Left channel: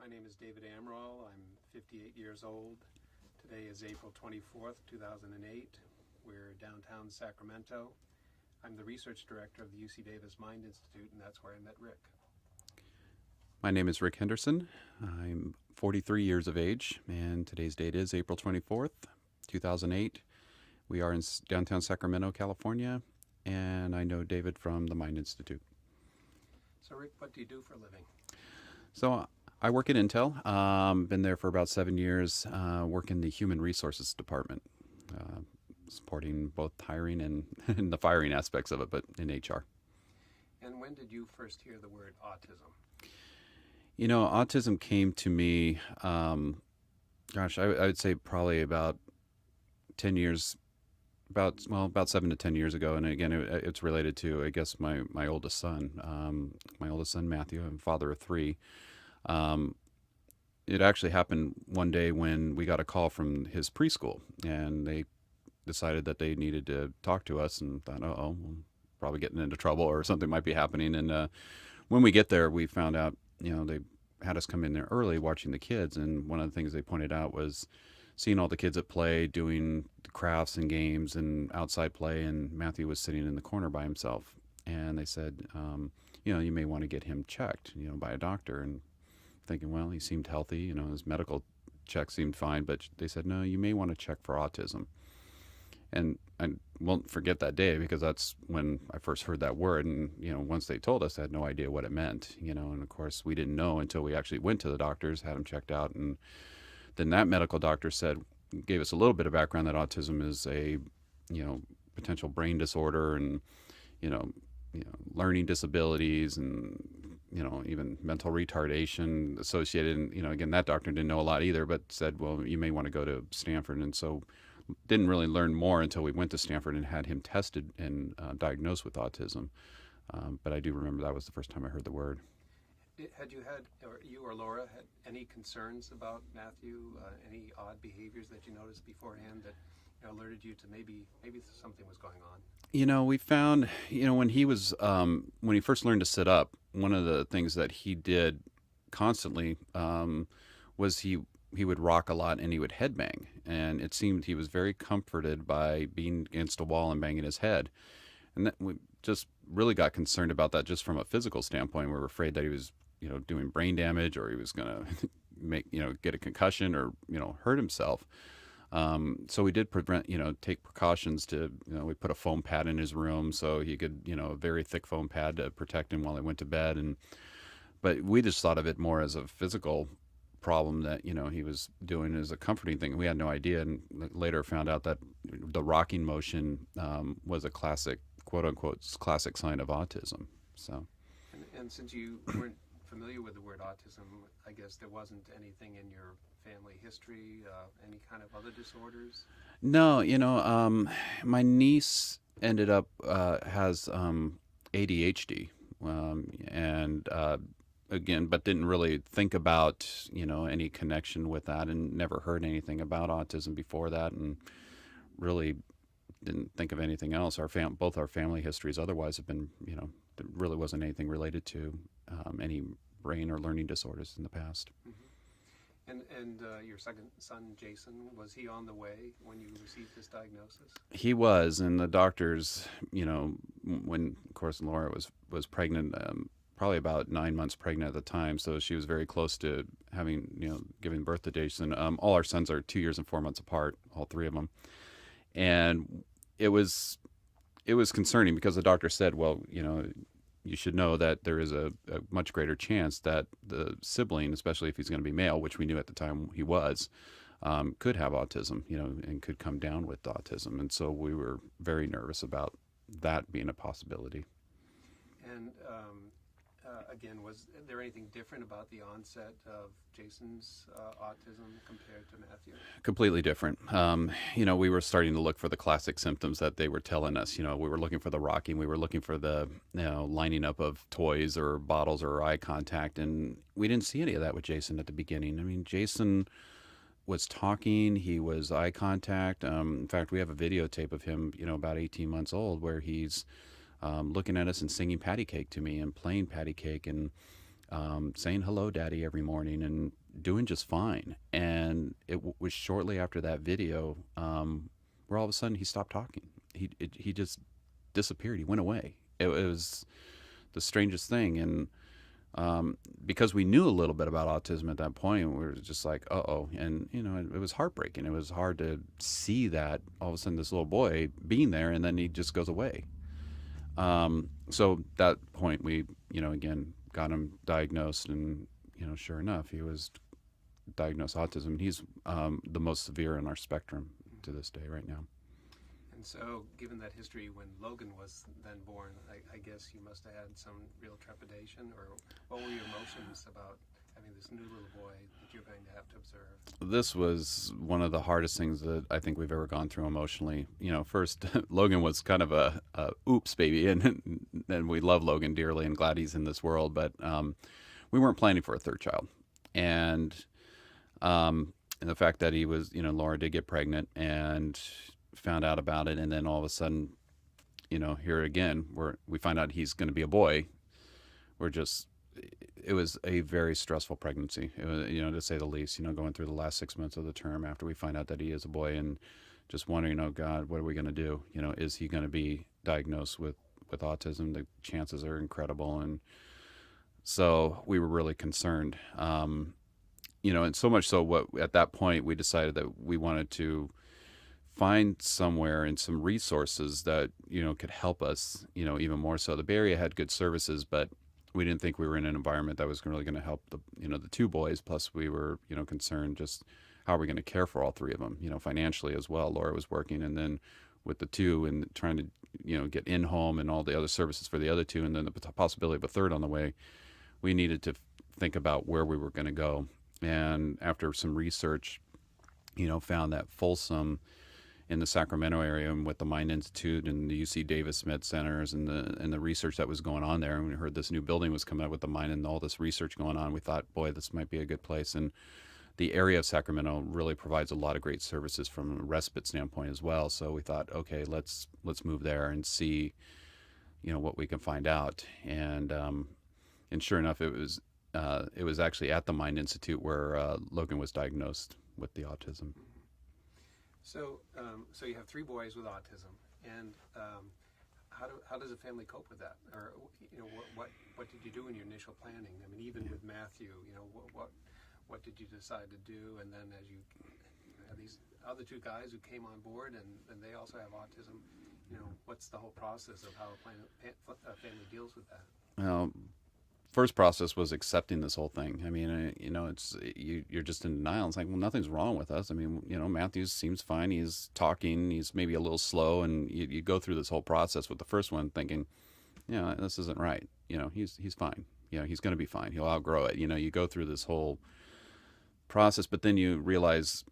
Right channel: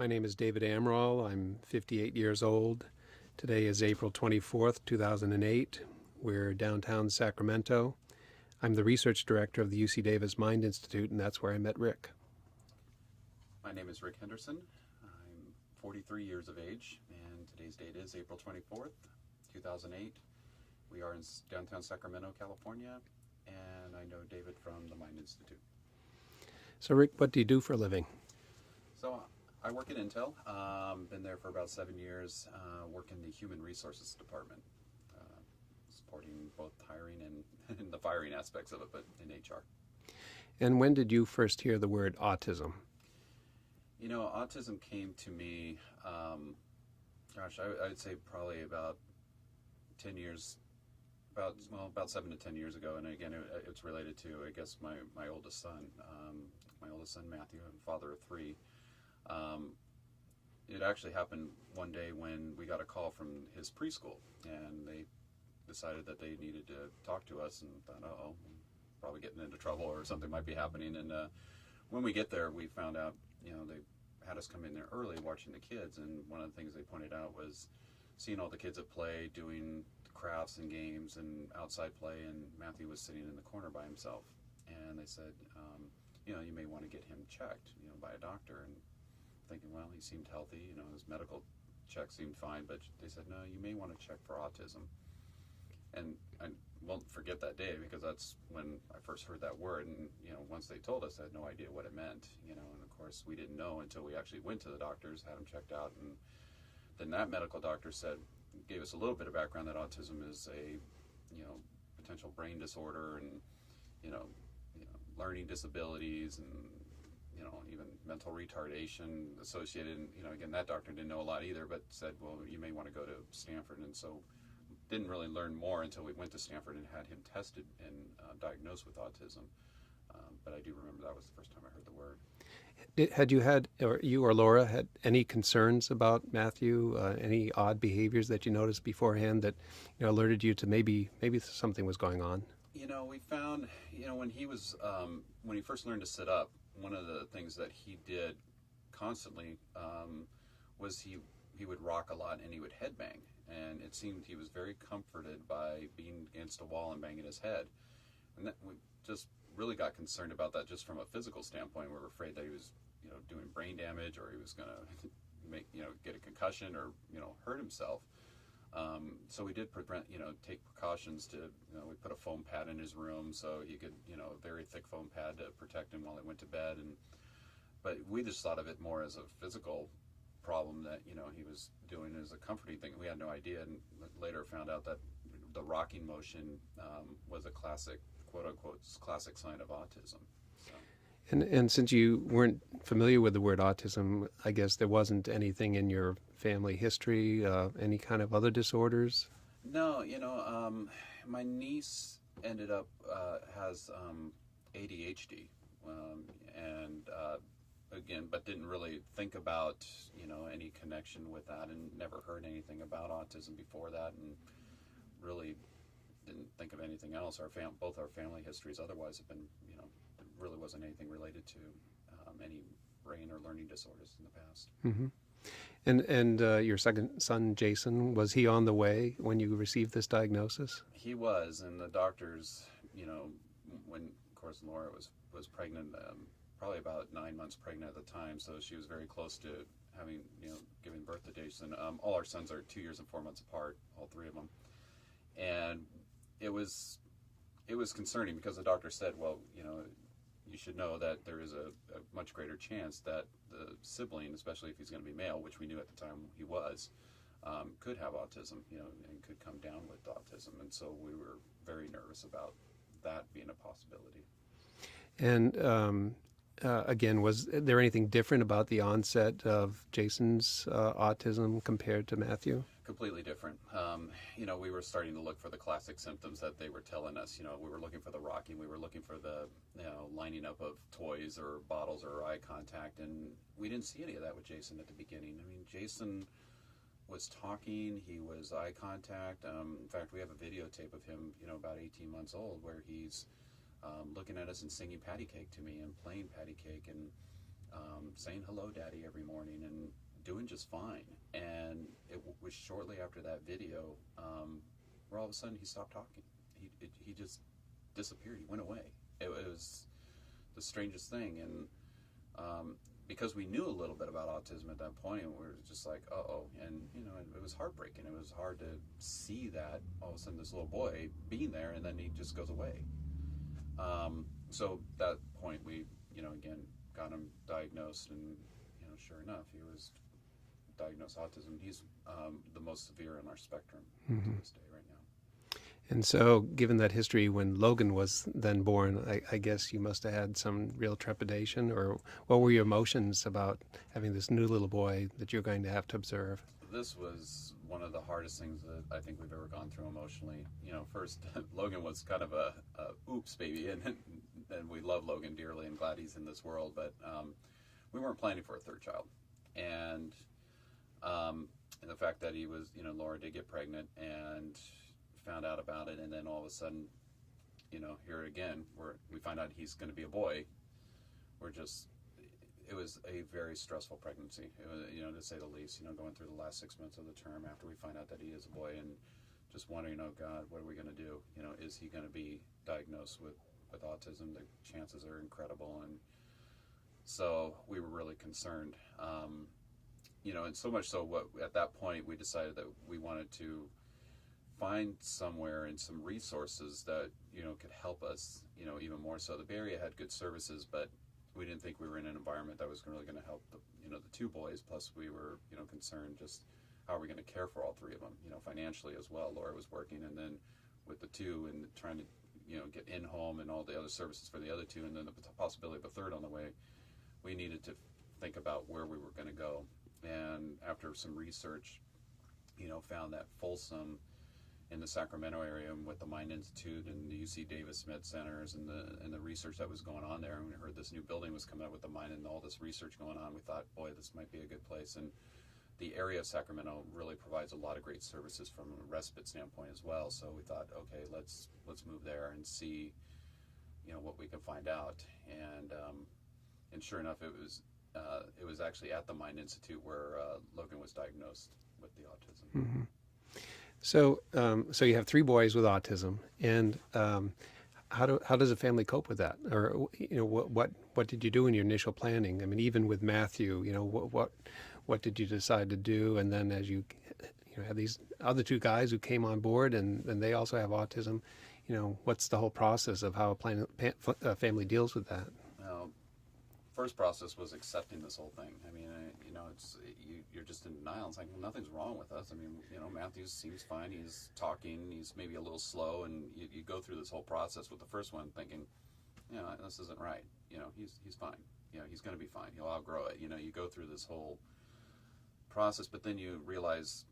My name is David Amaral. I'm 58 years old. Today is April 24th, 2008. We're downtown Sacramento. I'm the research director of the UC Davis Mind Institute, and that's where I met Rick. My name is Rick Henderson. I'm 43 years of age, and today's date is April 24th, 2008. We are in downtown Sacramento, California, and I know David from the Mind Institute. So, Rick, what do you do for a living? So I work at Intel. Been there for about 7 years. Work in the human resources department, supporting both hiring and the firing aspects of it, but in HR. And when did you first hear the word autism? You know, autism came to me, I would say probably about 10 years, about 7 to 10 years ago. And again, it's related to, I guess, my oldest son, Matthew. I'm a father of three. It actually happened one day when we got a call from his preschool, and they decided that they needed to talk to us, and thought, we're probably getting into trouble or something might be happening. And when we get there, we found out, they had us come in there early watching the kids, and one of the things they pointed out was seeing all the kids at play, doing crafts and games and outside play, and Matthew was sitting in the corner by himself. And they said, you may want to get him checked, by a doctor. And thinking, well, he seemed healthy, his medical check seemed fine, but they said, no, you may want to check for autism. And I won't forget that day, because that's when I first heard that word. And, once they told us, I had no idea what it meant, and of course we didn't know until we actually went to the doctors, had him checked out. And then that medical doctor gave us a little bit of background that autism is a, potential brain disorder, and, learning disabilities, and, even mental retardation associated. And, again, that doctor didn't know a lot either, but said, well, you may want to go to Stanford. And so didn't really learn more until we went to Stanford and had him tested and diagnosed with autism. But I do remember that was the first time I heard the word. Had you or Laura had any concerns about Matthew? Any odd behaviors that you noticed beforehand that alerted you to maybe something was going on? We found, when he first learned to sit up, one of the things that he did constantly was he would rock a lot, and he would headbang. And it seemed he was very comforted by being against a wall and banging his head. And that we just really got concerned about that just from a physical standpoint. We were afraid that he was, doing brain damage, or he was going to get a concussion, or, hurt himself. So we did take precautions to, we put a foam pad in his room so he could, a very thick foam pad to protect him while he went to bed. But we just thought of it more as a physical problem that, he was doing as a comforting thing. We had no idea, and later found out that the rocking motion was a classic, quote unquote, classic sign of autism. So. And since you weren't familiar with the word autism, I guess there wasn't anything in your family history, any kind of other disorders? No, my niece ended up has ADHD, and again, but didn't really think about any connection with that, and never heard anything about autism before that, and really didn't think of anything else. Both our family histories otherwise have been, there really wasn't anything related to any brain or learning disorders in the past. Mm-hmm. And your second son, Jason, was he on the way when you received this diagnosis? He was, and the doctors, when, of course, Laura was pregnant, probably about 9 months pregnant at the time, so she was very close to having, giving birth to Jason. All our sons are 2 years and 4 months apart, all three of them. And it was concerning, because the doctor said, well, you should know that there is a much greater chance that the sibling, especially if he's going to be male, which we knew at the time he was, could have autism, and could come down with autism. And so we were very nervous about that being a possibility. And again, was there anything different about the onset of Jason's autism compared to Matthew? Completely different. We were starting to look for the classic symptoms that they were telling us. We were looking for the rocking. We were looking for the lining up of toys or bottles or eye contact. And we didn't see any of that with Jason at the beginning. I mean, Jason was talking. He was eye contact. In fact, we have a videotape of him, about 18 months old, where he's looking at us and singing patty cake to me and playing patty cake. And saying hello, Daddy, every morning, and doing just fine. And was shortly after that video where all of a sudden he stopped talking. He just disappeared. He went away. It was the strangest thing. And because we knew a little bit about autism at that point, we were just like, uh-oh. And, it was heartbreaking. It was hard to see that all of a sudden this little boy being there, and then he just goes away. So at that point, we, again, got him diagnosed, and, sure enough, he was diagnosed autism. He's the most severe in our spectrum to this day right now. And so, given that history, when Logan was then born, I guess you must have had some real trepidation, or what were your emotions about having this new little boy that you're going to have to observe? This was one of the hardest things that I think we've ever gone through emotionally. First, Logan was kind of a oops baby, and we love Logan dearly and glad he's in this world, but we weren't planning for a third child. And the fact that he was, Laura did get pregnant and found out about it, and then all of a sudden, here again, we find out he's going to be a boy. It was a very stressful pregnancy, it was, to say the least, going through the last 6 months of the term after we find out that he is a boy, and just wondering, oh God, what are we going to do? Is he going to be diagnosed with autism? The chances are incredible. And so we were really concerned, and so much so at that point we decided that we wanted to find somewhere and some resources that could help us even more so. The Bay Area had good services, but we didn't think we were in an environment that was really going to help the two boys. Plus we were concerned just how are we going to care for all three of them, financially as well. Laura was working, and then with the two and trying to get in home and all the other services for the other two, and then the possibility of a third on the way, we needed to think about where we were going to go. And after some research, found that Folsom in the Sacramento area, and with the Mind Institute and the UC Davis Med Centers and the research that was going on there, and we heard this new building was coming up with the Mind and all this research going on, we thought, boy, this might be a good place. And the area of Sacramento really provides a lot of great services from a respite standpoint as well. So we thought, okay, let's move there and see, what we can find out. And sure enough, it was actually at the Mind Institute where Logan was diagnosed with the autism. Mm-hmm. So you have three boys with autism, and how does a family cope with that? Or what did you do in your initial planning? I mean, even with Matthew, what did you decide to do? And then as you had these other two guys who came on board, and they also have autism, what's the whole process of how a family deals with that? Well, first process was accepting this whole thing. I mean, you're just in denial. It's like, well, nothing's wrong with us. I mean, Matthew seems fine. He's talking. He's maybe a little slow, and you go through this whole process with the first one, thinking, this isn't right. He's fine. He's going to be fine. He'll outgrow it. You go through this whole process, but then you realize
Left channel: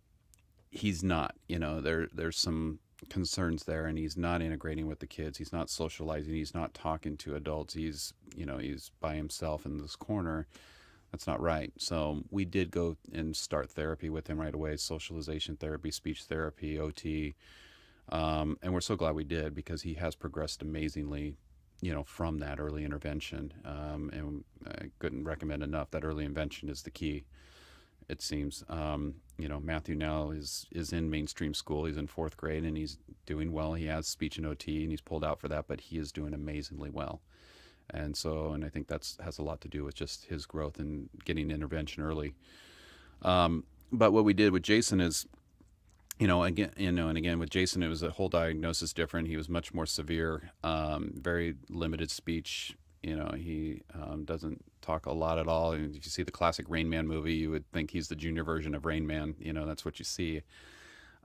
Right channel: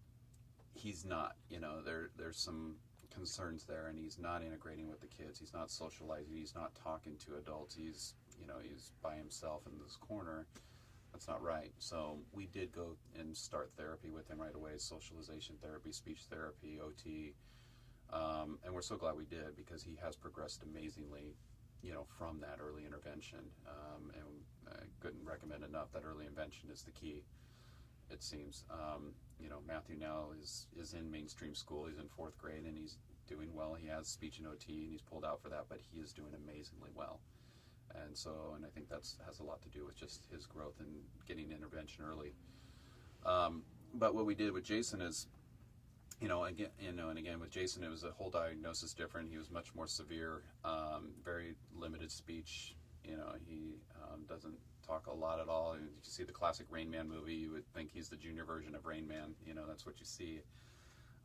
he's not. There's some concerns there, and he's not integrating with the kids. He's not socializing. He's not talking to adults. He's by himself in this corner. That's not right. So we did go and start therapy with him right away, socialization therapy, speech therapy, OT. And we're so glad we did, because he has progressed amazingly, from that early intervention. And I couldn't recommend enough that early intervention is the key, it seems. Matthew now is in mainstream school. He's in 4th grade, and he's doing well. He has speech and OT, and he's pulled out for that, but he is doing amazingly well. And I think has a lot to do with just his growth and getting intervention early. But what we did with Jason is, again with Jason, it was a whole diagnosis different. He was much more severe, very limited speech. He doesn't talk a lot at all. And if you see the classic Rain Man movie, you would think he's the junior version of Rain Man. That's what you see.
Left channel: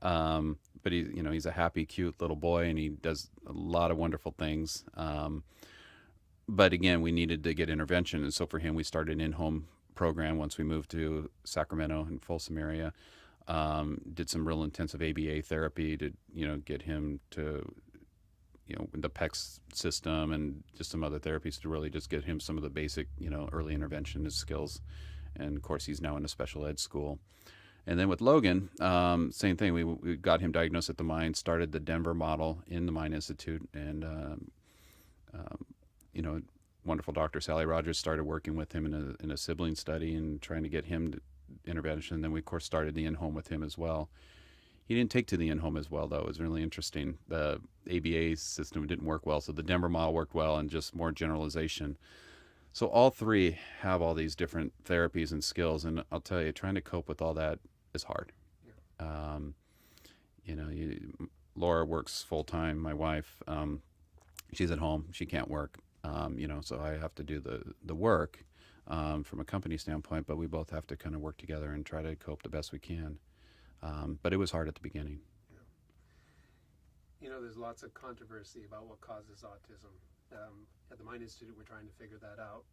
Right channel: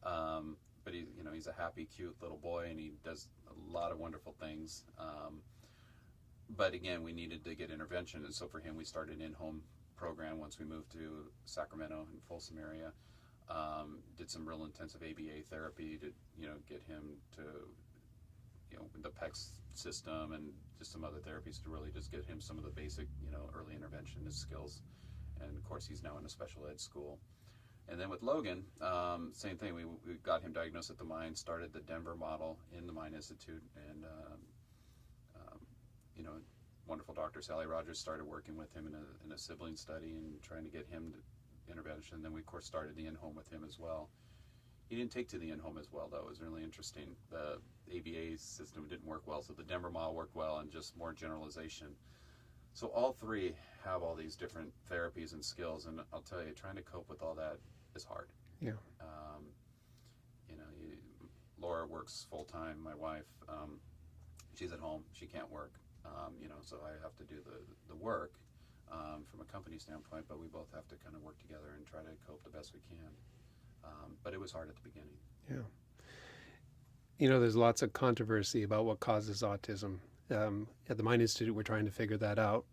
But he's a happy, cute little boy, and he does a lot of wonderful things. But again, we needed to get intervention, and so for him, we started an in-home program once we moved to Sacramento and Folsom area. Did some real intensive ABA therapy to get him to the PECS system, and just some other therapies to really just get him some of the basic early intervention skills. And of course, he's now in a special ed school. And then with Logan, same thing. We got him diagnosed at the Mind, started the Denver model in the Mind Institute, and wonderful Dr. Sally Rogers started working with him in a sibling study and trying to get him to intervention. Then we, of course, started the in-home with him as well. He didn't take to the in-home as well, though. It was really interesting. The ABA system didn't work well, so the Denver model worked well, and just more generalization. So all three have all these different therapies and skills, and I'll tell you, trying to cope with all that is hard. Yeah. You know, Laura works full-time, my wife. She's at home. She can't work. You know, so I have to do the work from a company standpoint, but we both have to kind of work together and try to cope the best we can. But it was hard at the beginning. Yeah. You know, there's lots of controversy about what causes autism. At the Mind Institute, we're trying to figure that out.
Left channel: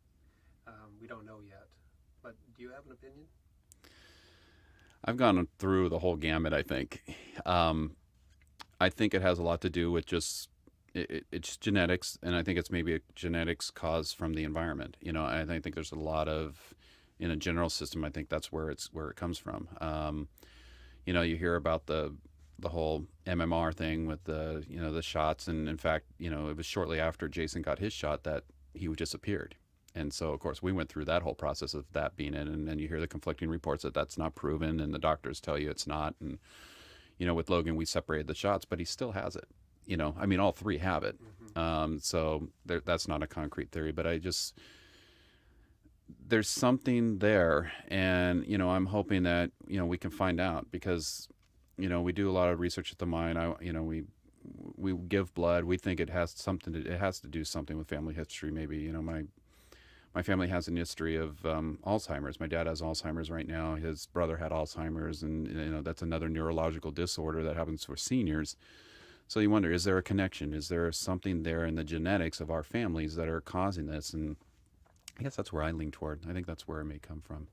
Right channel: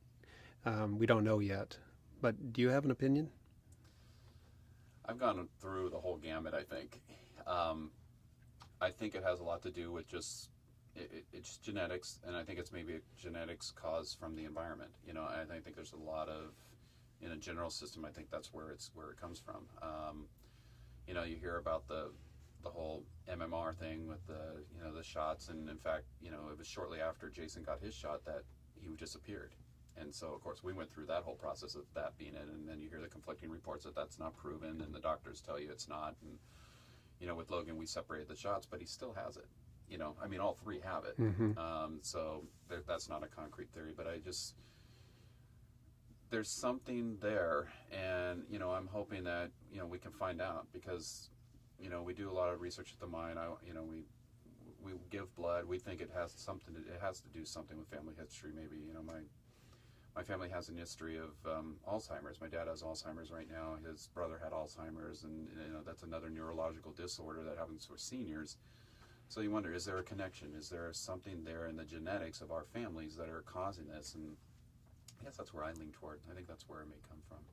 We don't know yet. But do you have an opinion? I've gone through the whole gamut, I think. I think it has a lot to do with just it's genetics, and I think it's maybe a genetics cause from the environment. You know, I think there's a lot of, in a general system, I think that's where it comes from. You know, you hear about the whole MMR thing with the shots, and in fact, you know, it was shortly after Jason got his shot that he disappeared. And so, of course, we went through that whole process of that being it, and then you hear the conflicting reports that that's not proven, and the doctors tell you it's not. And you know, with Logan, we separated the shots, but he still has it. You know, I mean, all three have it. Mm-hmm. So that's not a concrete theory, but there's something there, and you know, I'm hoping that we can find out, because we do a lot of research at the Mind. We give blood. We think it has to do something with family history. Maybe my family has an history of Alzheimer's. My dad has Alzheimer's right now. His brother had Alzheimer's, and that's another neurological disorder that happens for seniors. So you wonder, is there a connection? Is there something there in the genetics of our families that are causing this? And I guess that's where I lean toward. I think that's where it may come from.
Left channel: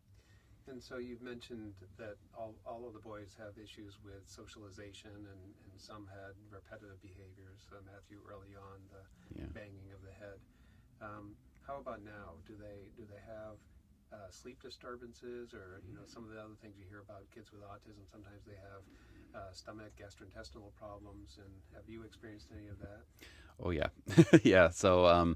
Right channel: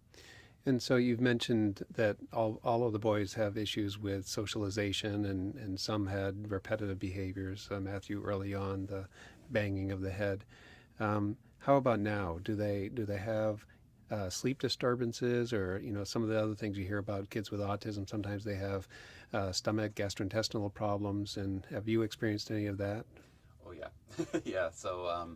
And so you've mentioned that all of the boys have issues with socialization, and some had repetitive behaviors. Matthew, early on, the banging of the head. How about now? Do they have sleep disturbances, or some of the other things you hear about kids with autism? Sometimes they have stomach, gastrointestinal problems. And have you experienced any of that? Oh yeah, yeah. So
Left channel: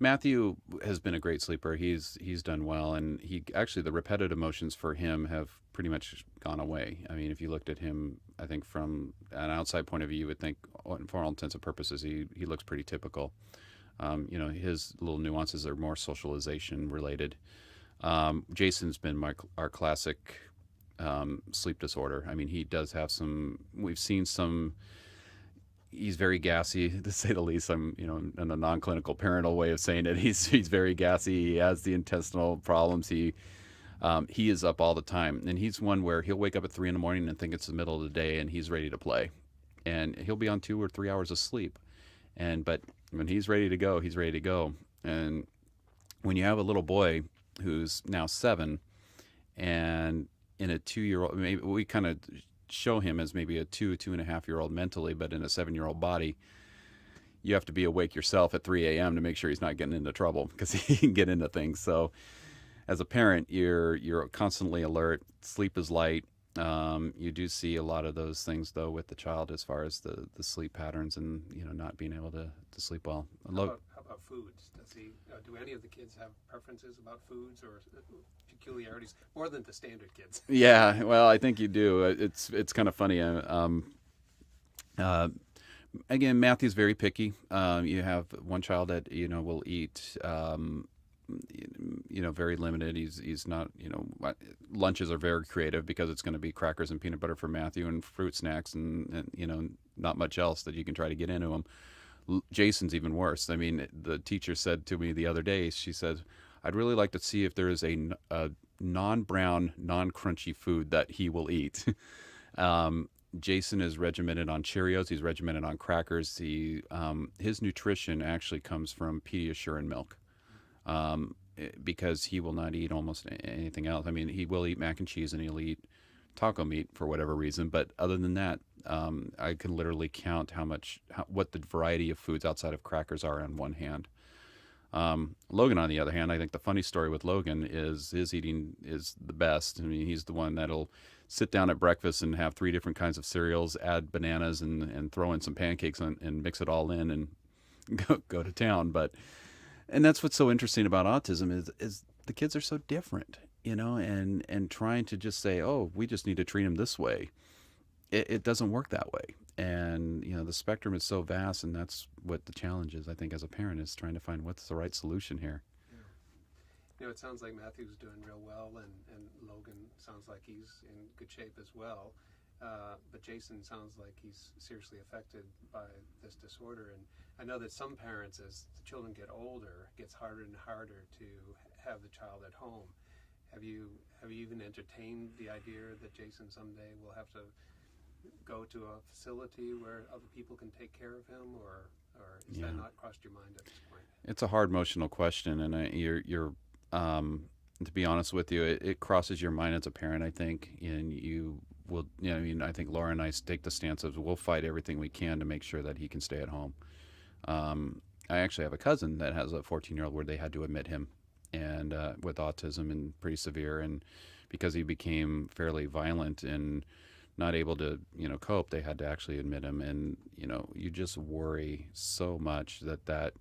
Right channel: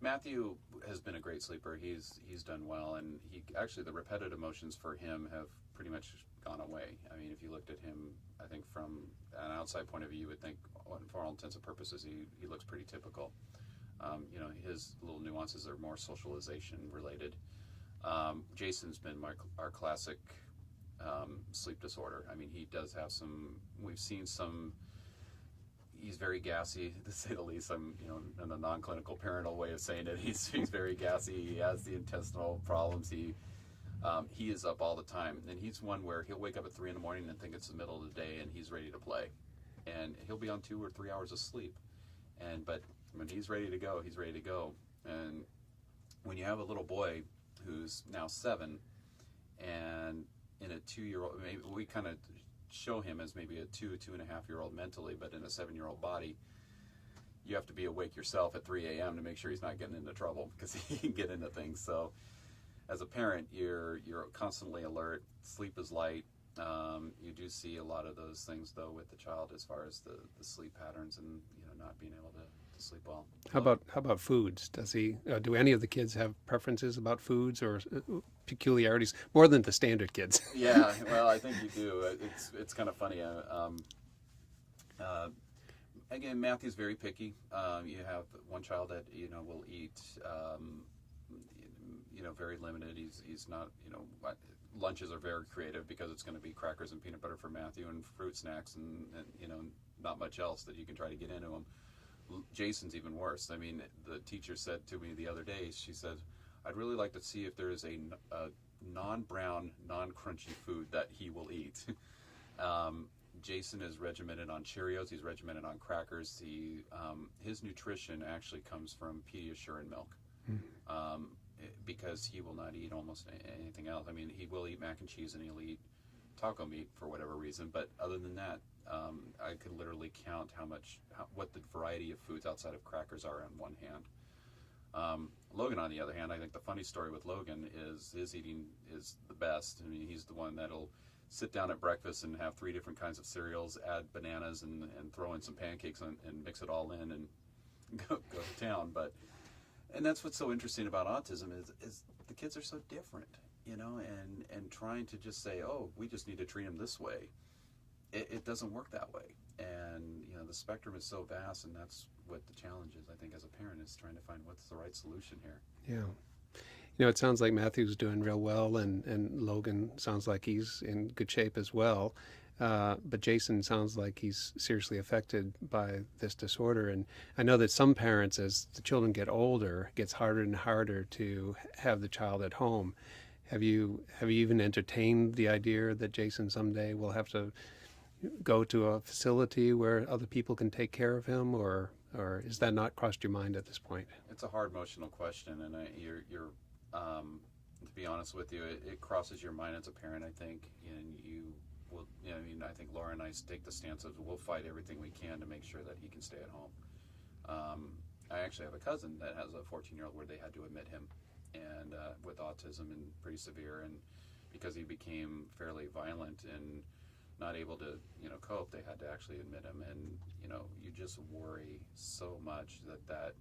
Matthew has been a great sleeper. He's done well, and the repetitive motions for him have pretty much gone away. I mean, if you looked at him, I think from an outside point of view, you would think, for all intents and purposes, he looks pretty typical. His little nuances are more socialization related. Jason's been our classic sleep disorder. I mean, he does have some. We've seen some. He's very gassy, to say the least. I'm, in a non-clinical parental way of saying it. He's very gassy. He has the intestinal problems. He is up all the time, and he's one where he'll wake up at 3 a.m. and think it's the middle of the day, and he's ready to play, and he'll be on 2 or 3 hours of sleep, but when he's ready to go, he's ready to go. And when you have a little boy who's now 7, and in a 2-year-old, maybe we kind of show him as maybe a 2.5-year-old mentally, but in a 7-year-old body, you have to be awake yourself at 3 a.m. to make sure he's not getting into trouble, because he can get into things. So as a parent, you're constantly alert. Sleep is light. You do see a lot of those things, though, with the child, as far as the sleep patterns and not being able to sleep well. How about foods? Does he? Do any of the kids have preferences about foods or peculiarities more than the standard kids? Yeah, well, I think you do. It's kind of funny. Again, Matthew's very picky. You have one child that will eat. Very limited. He's not. Lunches are very creative, because it's going to be crackers and peanut butter for Matthew, and fruit snacks, and not much else that you can try to get into him. Jason's even worse. I mean, the teacher said to me the other day, she said, I'd really like to see if there is a non-brown, non-crunchy food that he will eat. Jason is regimented on Cheerios. He's regimented on crackers. His nutrition actually comes from Pediasure and milk, because he will not eat almost anything else. I mean, he will eat mac and cheese, and he'll eat taco meat for whatever reason, but other than that, I can literally count what the variety of foods outside of crackers are on one hand. Logan, on the other hand, I think the funny story with Logan is his eating is the best. I mean, he's the one that'll sit down at breakfast and have 3 different kinds of cereals, add bananas, and throw in some pancakes and mix it all in and go to town. But And that's what's so interesting about autism is the kids are so different, and trying to just say, oh, we just need to treat them this way. It doesn't work that way. And the spectrum is so vast, and that's what the challenge is, I think, as a parent, is trying to find what's the right solution here. Yeah. It sounds like Matthew's doing real well, and Logan sounds like he's in good shape as well. But Jason sounds like he's seriously affected by this disorder. And I know that some parents, as the children get older, it gets harder and harder to have the child at home. Have you even entertained the idea that Jason someday will have to go to a facility where other people can take care of him, or is that not crossed your mind at this point? It's a hard emotional question, and you're to be honest with you, it crosses your mind as a parent, I think, and you will, I mean, I think Laura and I take the stance of we'll fight everything we can to make sure that he can stay at home. I actually have a cousin that has a 14-year-old where they had to admit him, and with autism and pretty severe, and because he became fairly violent and not able to cope, they had to actually admit him. And you just worry so much that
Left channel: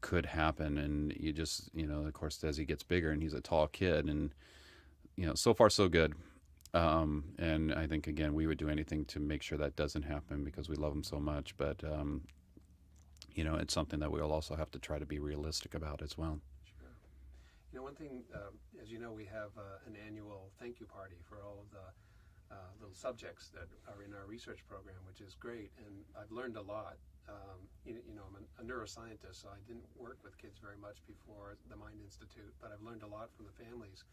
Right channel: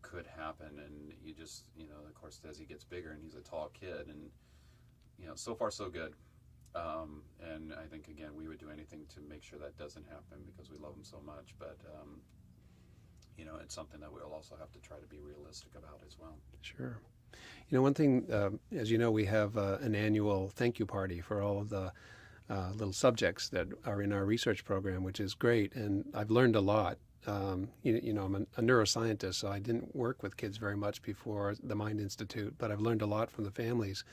could happen, and you just of course, as he gets bigger, and he's a tall kid, and so far so good. And I think, again, we would do anything to make sure that doesn't happen because we love him so much. But it's something that we'll also have to try to be realistic about as well. Sure. One thing, as you know, we have an annual thank you party for all of the little subjects that are in our research program, which is great. And I've learned a lot. I'm a neuroscientist, so I didn't work with kids very much before the Mind Institute, but I've learned a lot from the families.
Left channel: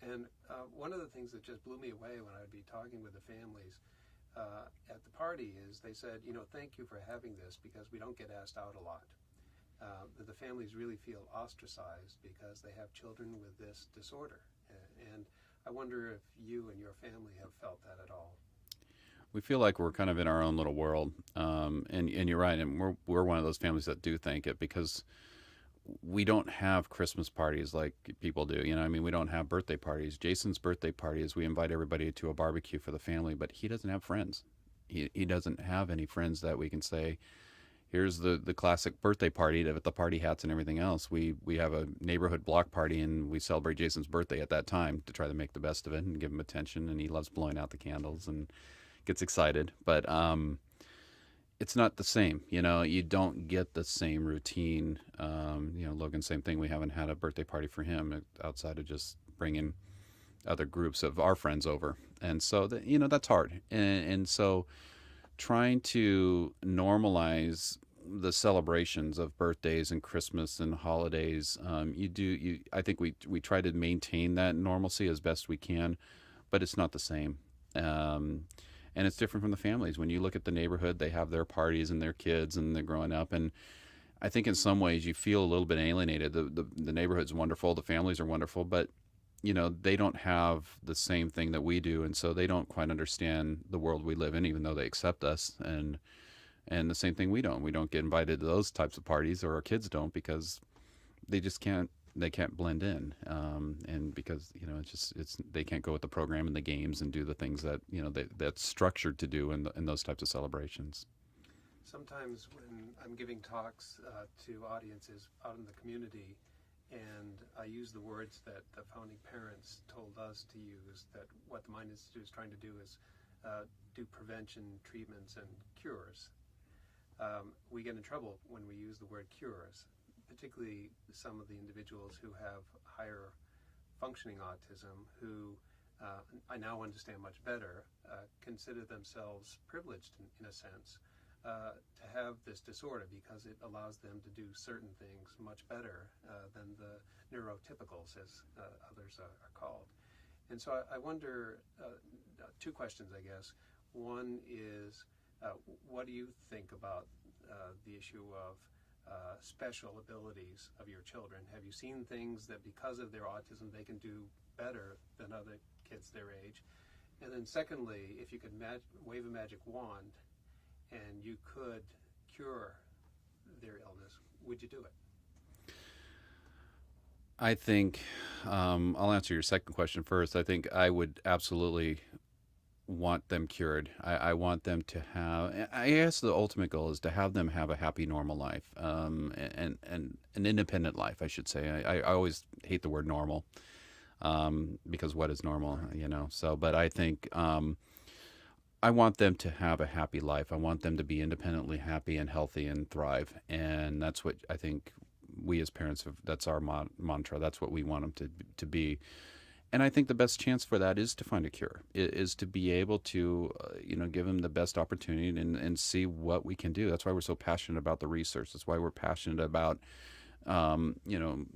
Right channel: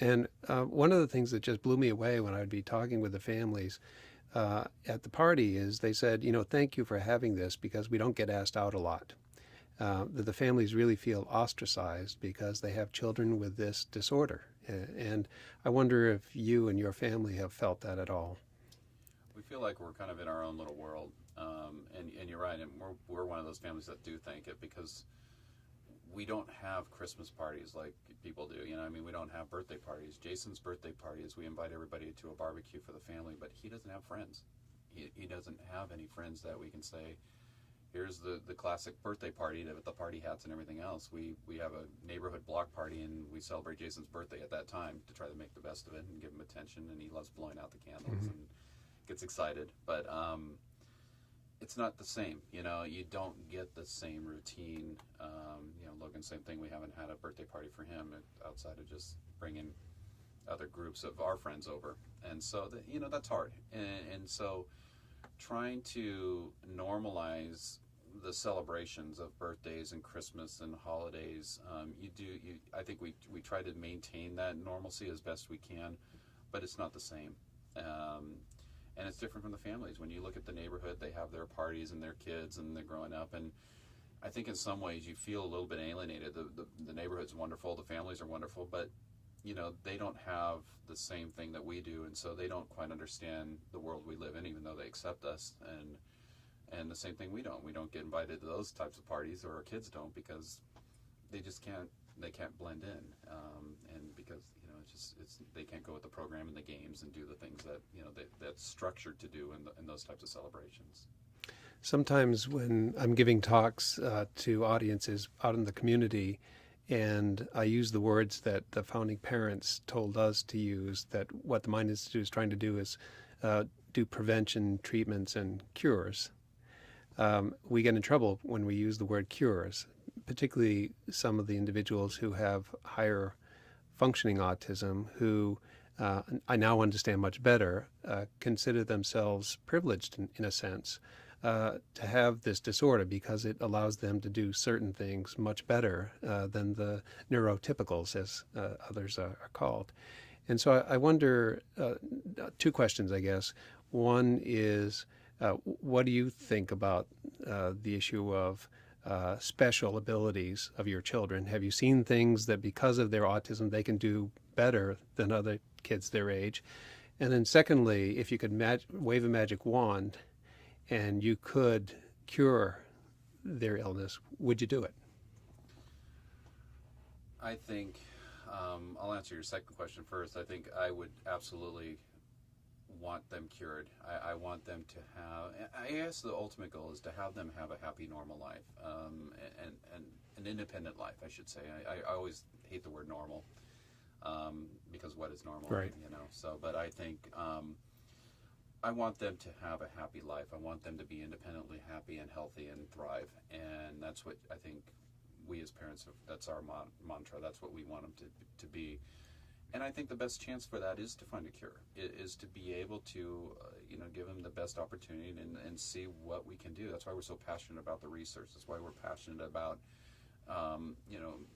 And one of the things that just blew me away when I would be talking with the families at the party is they said, thank you for having this because we don't get asked out a lot. That the families really feel ostracized because they have children with this disorder. And I wonder if you and your family have felt that at all. We feel like we're kind of in our own little world, and you're right, and we're one of those families that do thank it because we don't have Christmas parties like people do. I mean, we don't have birthday parties. Jason's birthday party is we invite everybody to a barbecue for the family, but he doesn't have friends. He doesn't have any friends that we can say, here's the classic birthday party with the party hats and everything else. We have a neighborhood block party, and we celebrate Jason's birthday at that time to try to make the best of it and give him attention, and he loves blowing out the candles and gets excited. But it's not the same. You don't get the same routine. Logan, same thing. We haven't had a birthday party for him outside of just bringing other groups of our friends over. And so, that's hard. And so trying to normalize the celebrations of birthdays and Christmas and holidays, I think we try to maintain that normalcy as best we can, but it's not the same. And it's different from the families. When you look at the neighborhood, they have their parties and their kids, and they're growing up. And I think in some ways you feel a little bit alienated. The neighborhood's wonderful, the families are wonderful, but they don't have the same thing that we do, and so they don't quite understand the world we live in, even though they accept us. And the same thing, we don't get invited to those types of parties, or our kids don't, because they just can't. They can't blend in, and because they can't go with the program and the games and do the things that that's structured to do in those types of celebrations. Sometimes when I'm giving talks to audiences out in the community, and I use the words that the founding parents told us to use, that what the Mind Institute is trying to do is do prevention, treatments, and cures. We get in trouble when we use the word cures, particularly some of the individuals who have higher functioning autism, who I now understand much better, consider themselves privileged in a sense to have this disorder because it allows them to do certain things much better than the neurotypicals, as others are called. And so I wonder, two questions, I guess. One is, what do you think about the issue of special abilities of your children? Have you seen things that because of their autism they can do better than other kids their age? And then secondly, if you could wave a magic wand and you could cure their illness, would you do it? I think I'll answer your second question first. I think I would absolutely want them cured. I want them to have. I guess the ultimate goal is to have them have a happy, normal life, and an independent life. I should say. I always hate the word normal, because what is normal, Right. you know? So, but I think I want them to have a happy life. I want them to be independently happy and healthy and thrive, and that's what I think we as parents have. That's our mantra. That's what we want them to be. And I think the best chance for that is to find a cure, is to be able to, give them the best opportunity and see what we can do. That's why we're so passionate about the research. That's why we're passionate about, you know,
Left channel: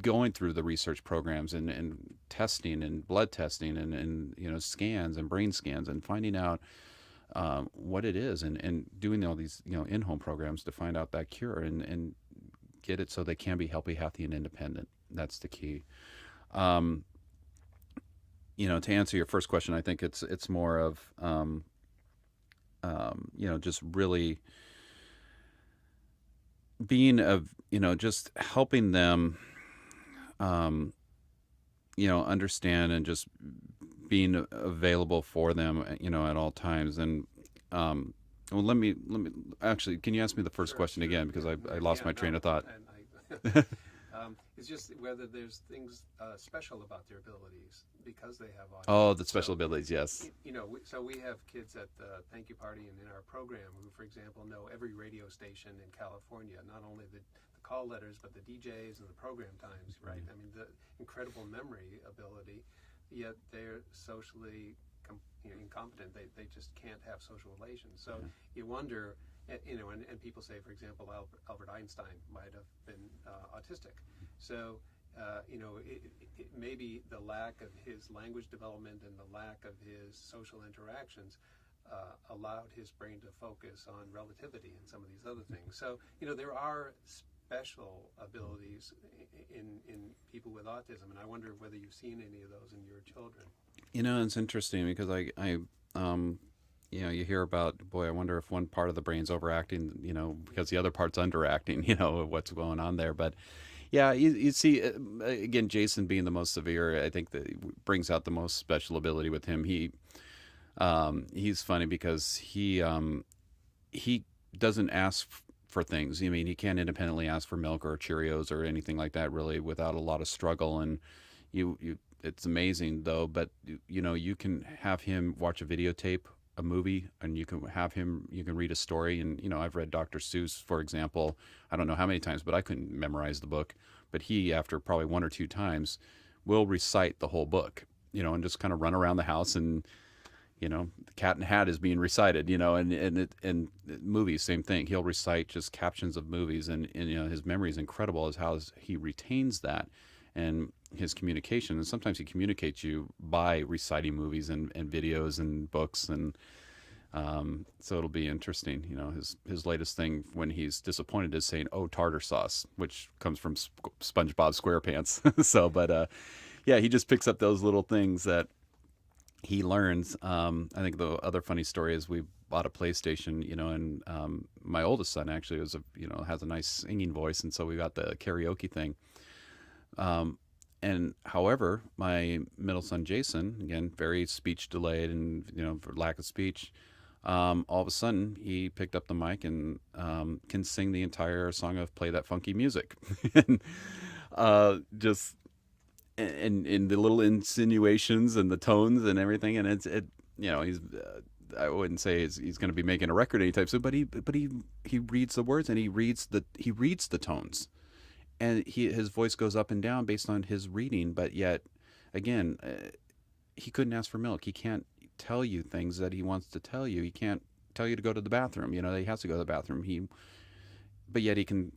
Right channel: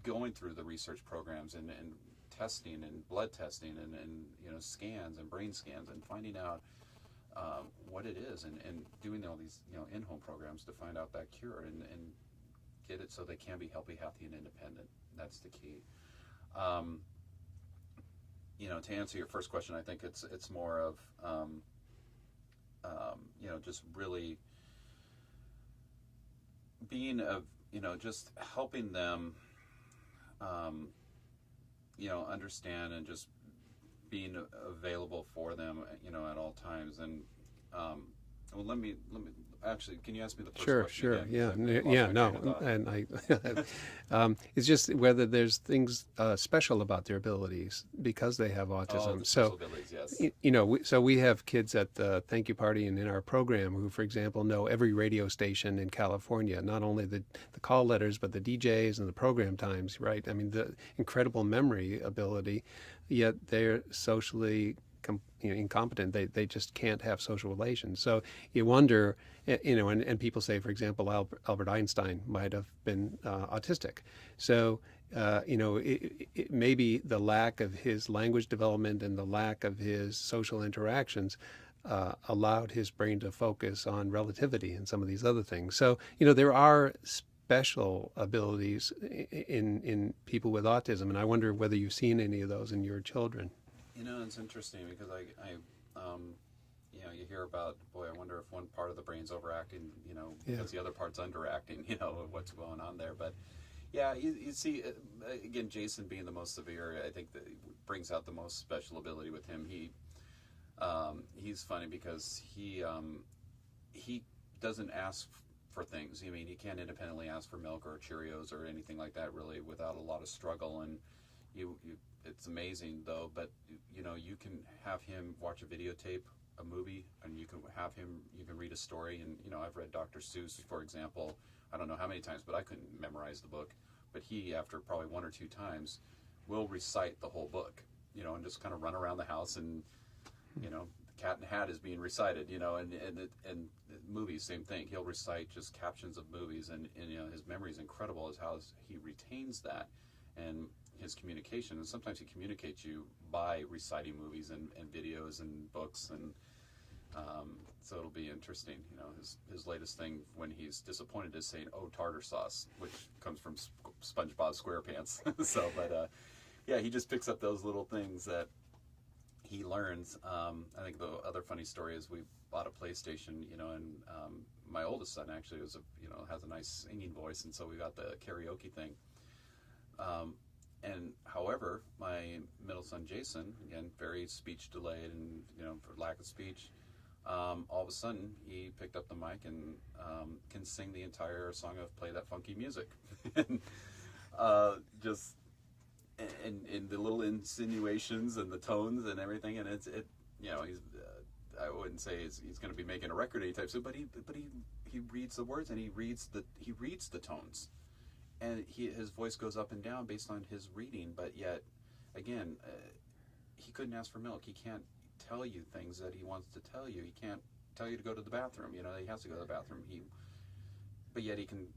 going through the research programs and testing and blood testing and scans and brain scans and finding out what it is and doing all these, in-home programs to find out that cure and get it so they can be healthy, and independent. That's the key. To answer your first question, I think it's more of, just really being just helping them, understand and just being available for them, at all times. And, well, let me actually. Can you ask me the first question Sure. again? Because Yeah. I lost my No, train of thought. and it's just whether there's things special about their abilities because they have autism. Oh, the special abilities, yes. So we have kids at the thank you party and in our program who, for example, know every radio station in California, not only the call letters, but the DJs and the program times, right? I mean, the incredible memory ability, yet they're socially incompetent. They just can't have social relations. So you wonder, and people say, for example, Albert Einstein might have been autistic. So, maybe the lack of his language development and the lack of his social interactions allowed his brain to focus on relativity and some of these other things. So, there are special abilities in people with autism, and I wonder whether you've seen any of those in your children. It's interesting because you hear about, boy, I wonder if one part of the brain's overacting, because the other part's underacting, what's going on there. But yeah, you see, again, Jason being the most severe, I think that brings out the most special ability with him. He's funny because he doesn't ask for things. I mean, he can't independently ask for milk or Cheerios or anything like that, really, without a lot of struggle. And it's amazing though, but you can have him watch a videotape, a movie, and you can read a story. And I've read Dr. Seuss, for example, I don't know how many times, but I couldn't memorize the book. But he, after probably one or two times, will recite the whole book, and just kind of run around the house, and the Cat in the Hat is being recited, and movies, same thing. He'll recite just captions of movies, and his memory is incredible as how he retains that. And his communication, and sometimes he communicates you by reciting movies and videos and books, and so it'll be interesting. His latest thing when he's disappointed is saying, "Oh, tartar sauce," which comes from SpongeBob SquarePants. So, but yeah, he just picks up those little things that he learns. I think the other funny story is we bought a PlayStation, and my oldest son actually has a nice singing voice, and so we got the karaoke thing. And however, my middle son Jason, again, very speech delayed and for lack of speech, all of a sudden he picked up the mic and can sing the entire song of "Play That Funky Music," and just in the little insinuations and the tones and everything, and he's I wouldn't say he's going to be making a record anytime soon, but he reads the words and he reads the tones. And his voice goes up and down based on his reading, but yet, again, he couldn't ask for milk. He can't tell you things that he wants to tell you. He can't tell you to go to the bathroom. He has to go to the bathroom. But yet he can,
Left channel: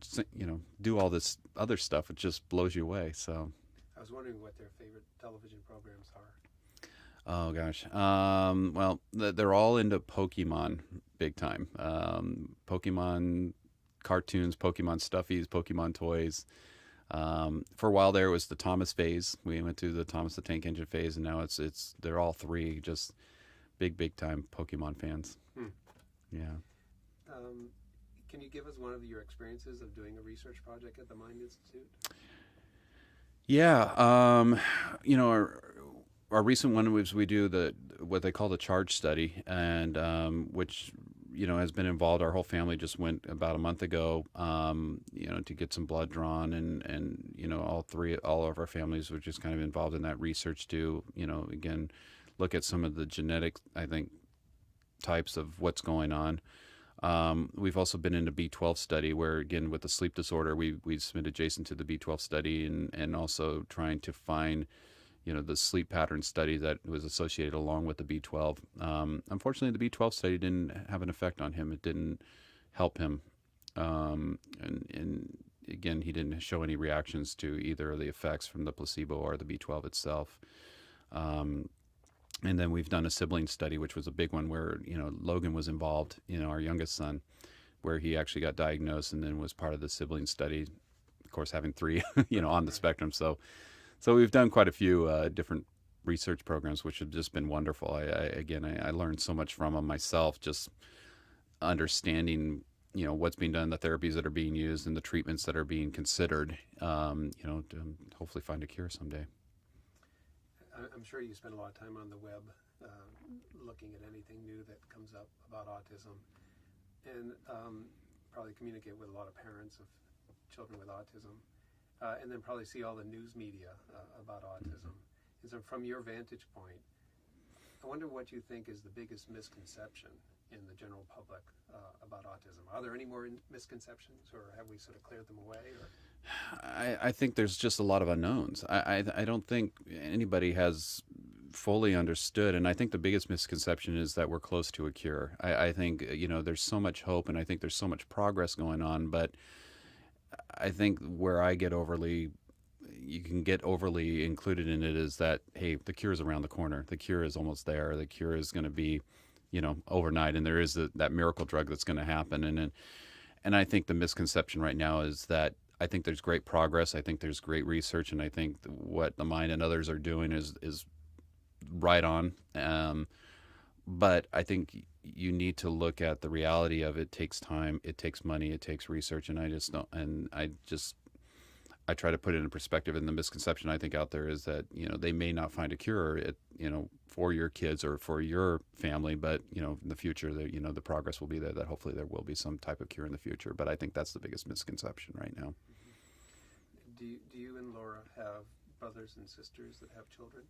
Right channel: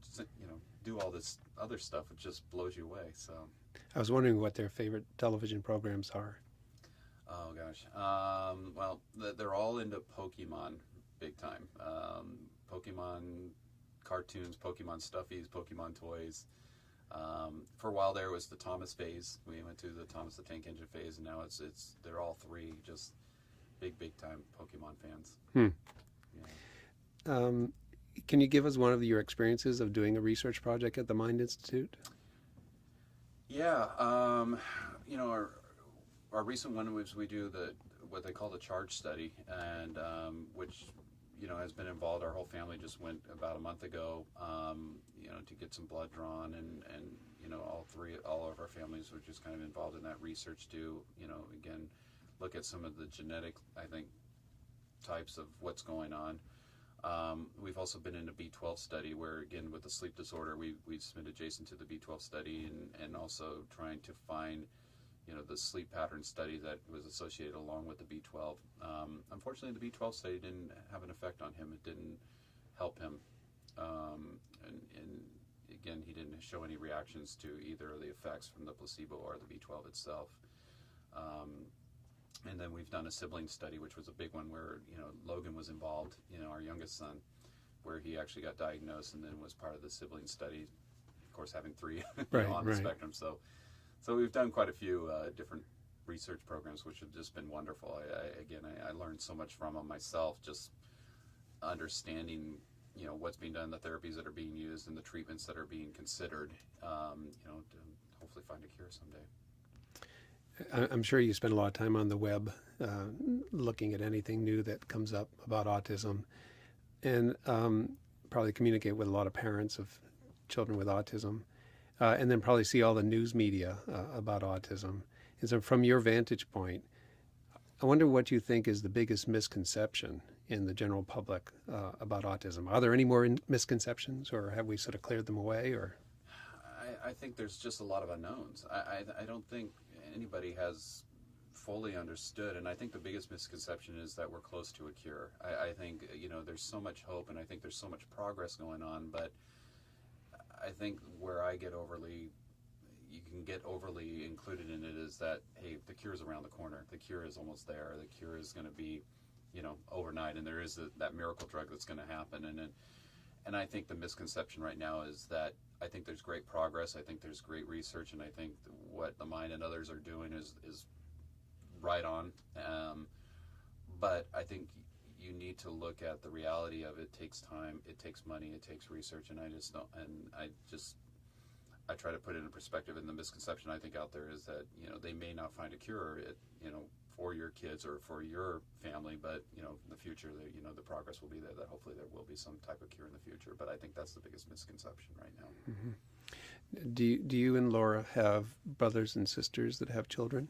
do all this other stuff. It just blows you away. So, I was wondering what their favorite television programs are. Oh gosh, well, they're all into Pokemon, big time. Pokemon cartoons, Pokemon stuffies, Pokemon toys. For a while there, it was the Thomas phase. We went through the Thomas the Tank Engine phase, and now they're all three just big time Pokemon fans. Yeah. Can you give us one of your experiences of doing a research project at the Mind Institute? Yeah. Our recent one was we do what they call the charge study, and which has been involved. Our whole family just went about a month ago, to get some blood drawn, and all of our families were just kind of involved in that research to again look at some of the genetic, I think, types of what's going on. We've also been in a B12 study where, again, with the sleep disorder, we submitted Jason to the B12 study, and also trying to find the sleep pattern study that was associated along with the B12. Unfortunately, the B12 study didn't have an effect on him. It didn't help him. And again, he didn't show any reactions to either of the effects from the placebo or the B12 itself. And then we've done a sibling study, which was a big one where, Logan was involved, our youngest son, where he actually got diagnosed and then was part of the sibling study, of course, having three, on the spectrum. So we've done quite a few different research programs, which have just been wonderful. I learned so much from them myself, just understanding, what's being done, the therapies that are being used, and the treatments that are being considered, to hopefully find a cure someday. I'm sure you spend a lot of time on the web looking at anything new that comes up about autism, and probably communicate with a lot of parents of children with autism, and then probably see all the news media about autism. And so from your vantage point, I wonder what you think is the biggest misconception in the general public about autism. Are there any more misconceptions, or have we sort of cleared them away? Or I think there's just a lot of unknowns. I don't think anybody has fully understood, and I think the biggest misconception is that we're close to a cure. I think there's so much hope, and I think there's so much progress going on, but I think where you can get overly included in it is that, hey, the cure is around the corner. The cure is almost there. The cure is going to be, overnight, and there is that miracle drug that's going to happen. And I think the misconception right now is that I think there's great progress. I think there's great research, and I think what the Mind and others are doing is right on. But I think you need to look at the reality of it takes time, it takes money, it takes research, and I try to put it in perspective. And the misconception I think out there is that they may not find a cure for your kids or for your family, but in the future the progress will be there, that hopefully there will be some type of cure in the future. But I think that's the biggest misconception right now. Mm-hmm. Do you and Laura have brothers and sisters that have children?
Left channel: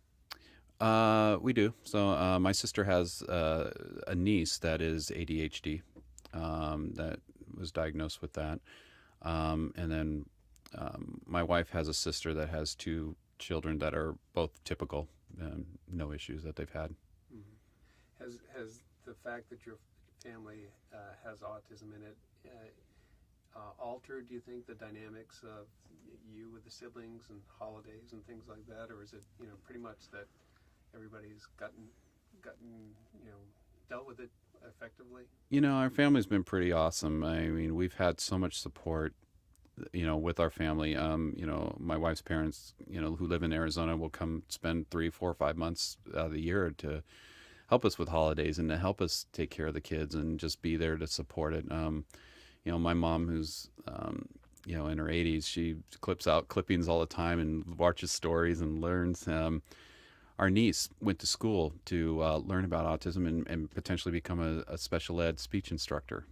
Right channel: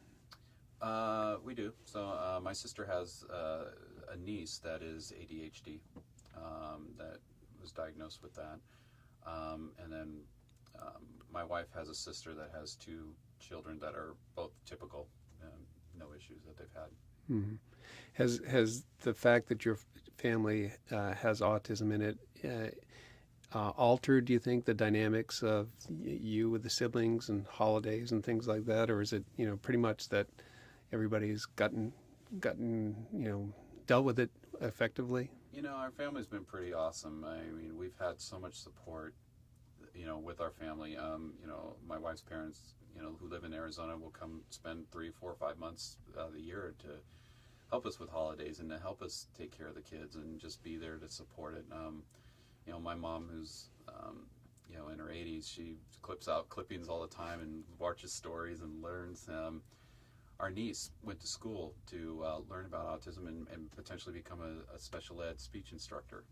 We do. So my sister has a niece that is ADHD, that was diagnosed with that, and then my wife has a sister that has two children that are both typical, no issues that they've had. Mm-hmm. Has the fact that your family has autism in it altered, do you think, the dynamics of you with the siblings and holidays and things like that, or is it pretty much that everybody's gotten dealt with it effectively? Our family's been pretty awesome. I mean, we've had so much support with our family. My wife's parents, who live in Arizona, will come spend 3, 4, 5 months out of the year to help us with holidays and to help us take care of the kids and just be there to support it. My mom, who's in her 80s, she clips out clippings all the time and watches stories and learns. Our niece went to school to learn about autism and potentially become a special ed speech instructor.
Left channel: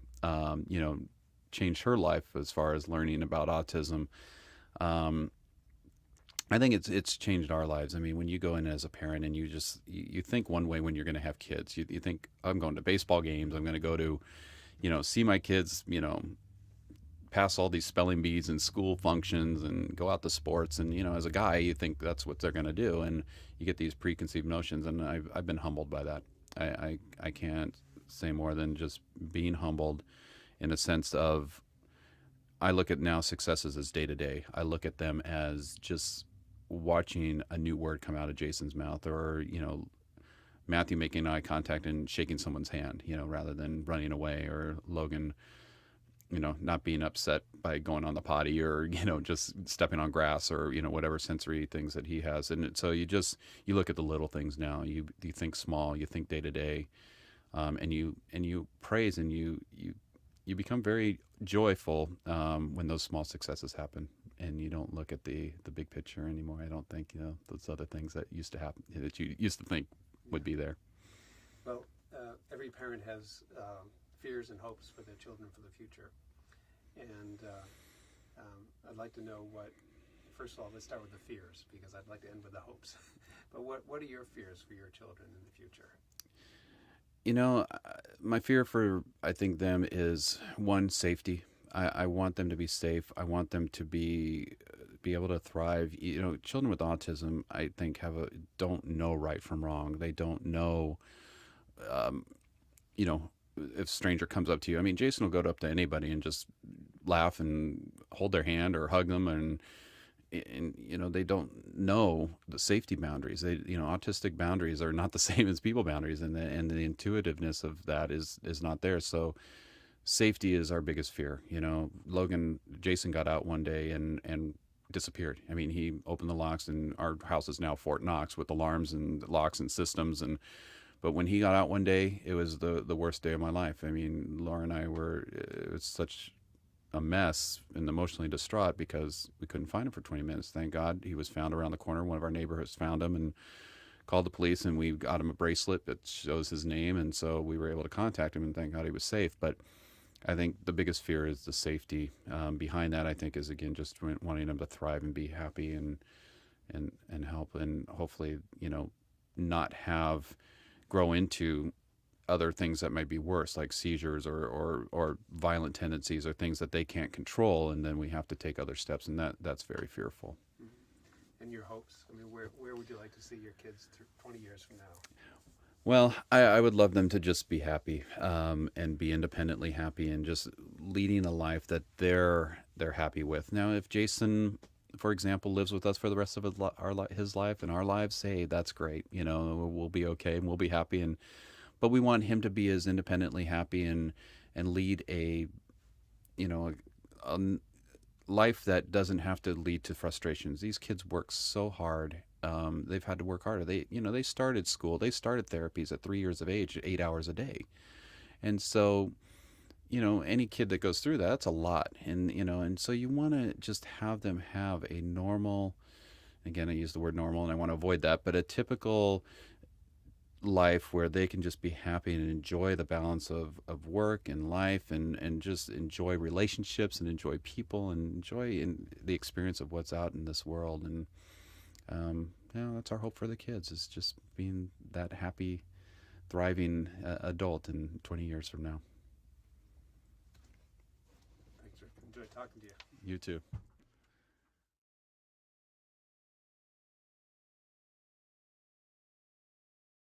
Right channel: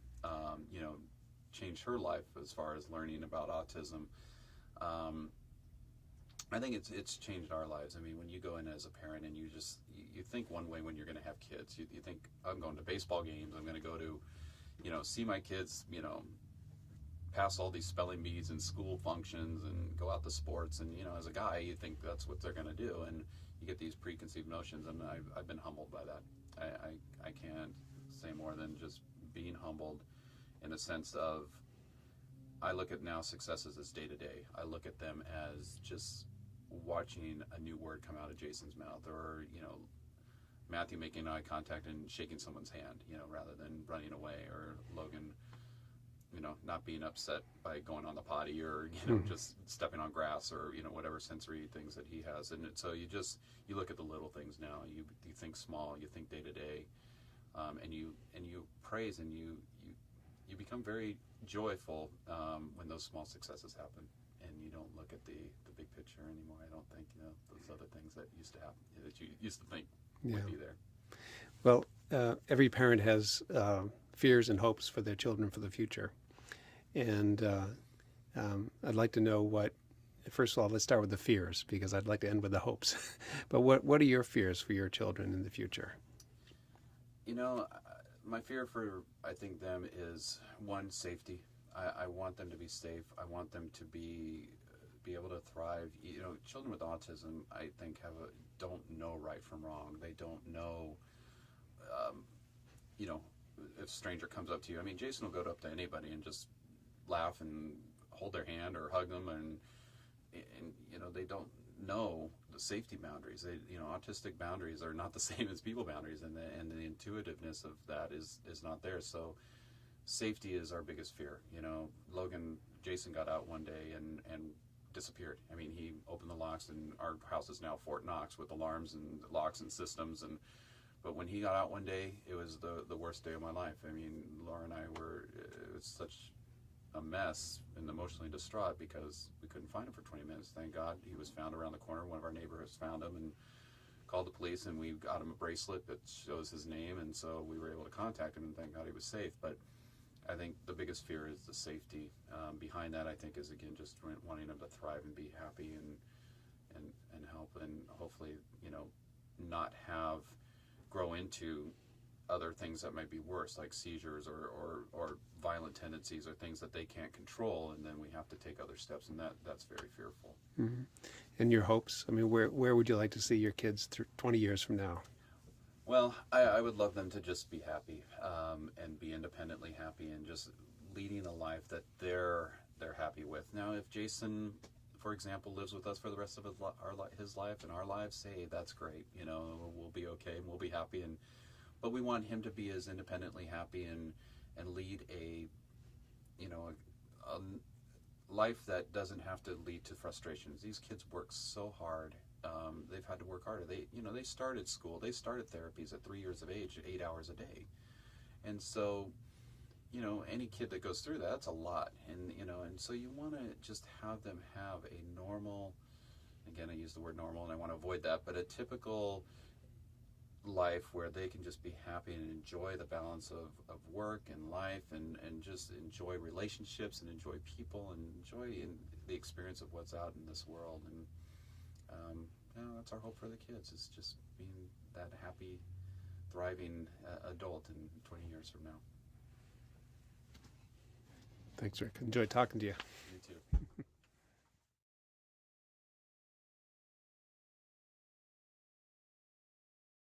Changed her life as far as learning about autism. I think it's changed our lives. I mean, when you go in as a parent and you think one way when you're going to have kids, you think, I'm going to baseball games, I'm going to go to, see my kids, pass all these spelling bees and school functions and go out to sports. And, as a guy, you think that's what they're going to do. And you get these preconceived notions. And I've been humbled by that. I can't say more than just being humbled, in a sense of, I look at now successes as day to day. I look at them as just watching a new word come out of Jason's mouth, or, Matthew making eye contact and shaking someone's hand, rather than running away, or Logan, not being upset by going on the potty, or, just stepping on grass, or, whatever sensory things that he has. And so you look at the little things now. You think small, you think day to day, and you praise, and you become very joyful when those small successes happen, and you don't look at the big picture anymore. I don't think those other things that used to happen, that you used to think would be there. Well, every parent has fears and hopes for their children for the future. And I'd like to know first of all, let's start with the fears because I'd like to end with the hopes. But what are your fears for your children in the future? You know, my fear for, I think, them is one, safety. I want them to be safe. I want them to be able to thrive. You know, children with autism, I think, don't know right from wrong. They don't know, um, you know, if a stranger comes up to you. I mean, Jason will go up to anybody and just laugh and hold their hand or hug them, and you know, they don't know the safety boundaries. They, you know, autistic boundaries are not the same as people boundaries, and the intuitiveness of that is not there. So safety is our biggest fear. You know, Jason got out one day and disappeared. I mean, he opened the locks, and our house is now Fort Knox with alarms and locks and systems. And but when he got out one day, it was the worst day of my life. I mean, Laura and I it was such a mess and emotionally distraught because we couldn't find him for 20 minutes. Thank God he was found around the corner. One of our neighborhoods found him and called the police, and we got him a bracelet that shows his name, and so we were able to contact him, and thank God he was safe. But I think the biggest fear is the safety. Behind that, I think, is again just wanting them to thrive and be happy and help, and hopefully, you know, not grow into other things that might be worse, like seizures or violent tendencies or things that they can't control, and then we have to take other steps, and that's very fearful. Mm-hmm. And your hopes? I mean, where would you like to see your kids 20 years from now? Well, I would love them to just be happy, and be independently happy, and just leading a life that they're happy with. Now, if Jason, for example, lives with us for the rest of his life and our lives, hey, that's great. You know, we'll be okay and we'll be happy. But we want him to be as independently happy and lead you know, a life that doesn't have to lead to frustrations. These kids work so hard. They've had to work harder. They started school. They started therapies at 3 years of age, 8 hours a day. And so, you know, any kid that goes through that's a lot. And so you want to just have them have a normal, again, I use the word normal and I want to avoid that, but a typical life where they can just be happy and enjoy the balance of work and life, and just enjoy relationships and enjoy people and enjoy the experience of what's out in this world. And that's our hope for the kids, is just being that happy, thriving adult in 20 years from now. Thanks, Rick. Enjoyed talking to you. You too.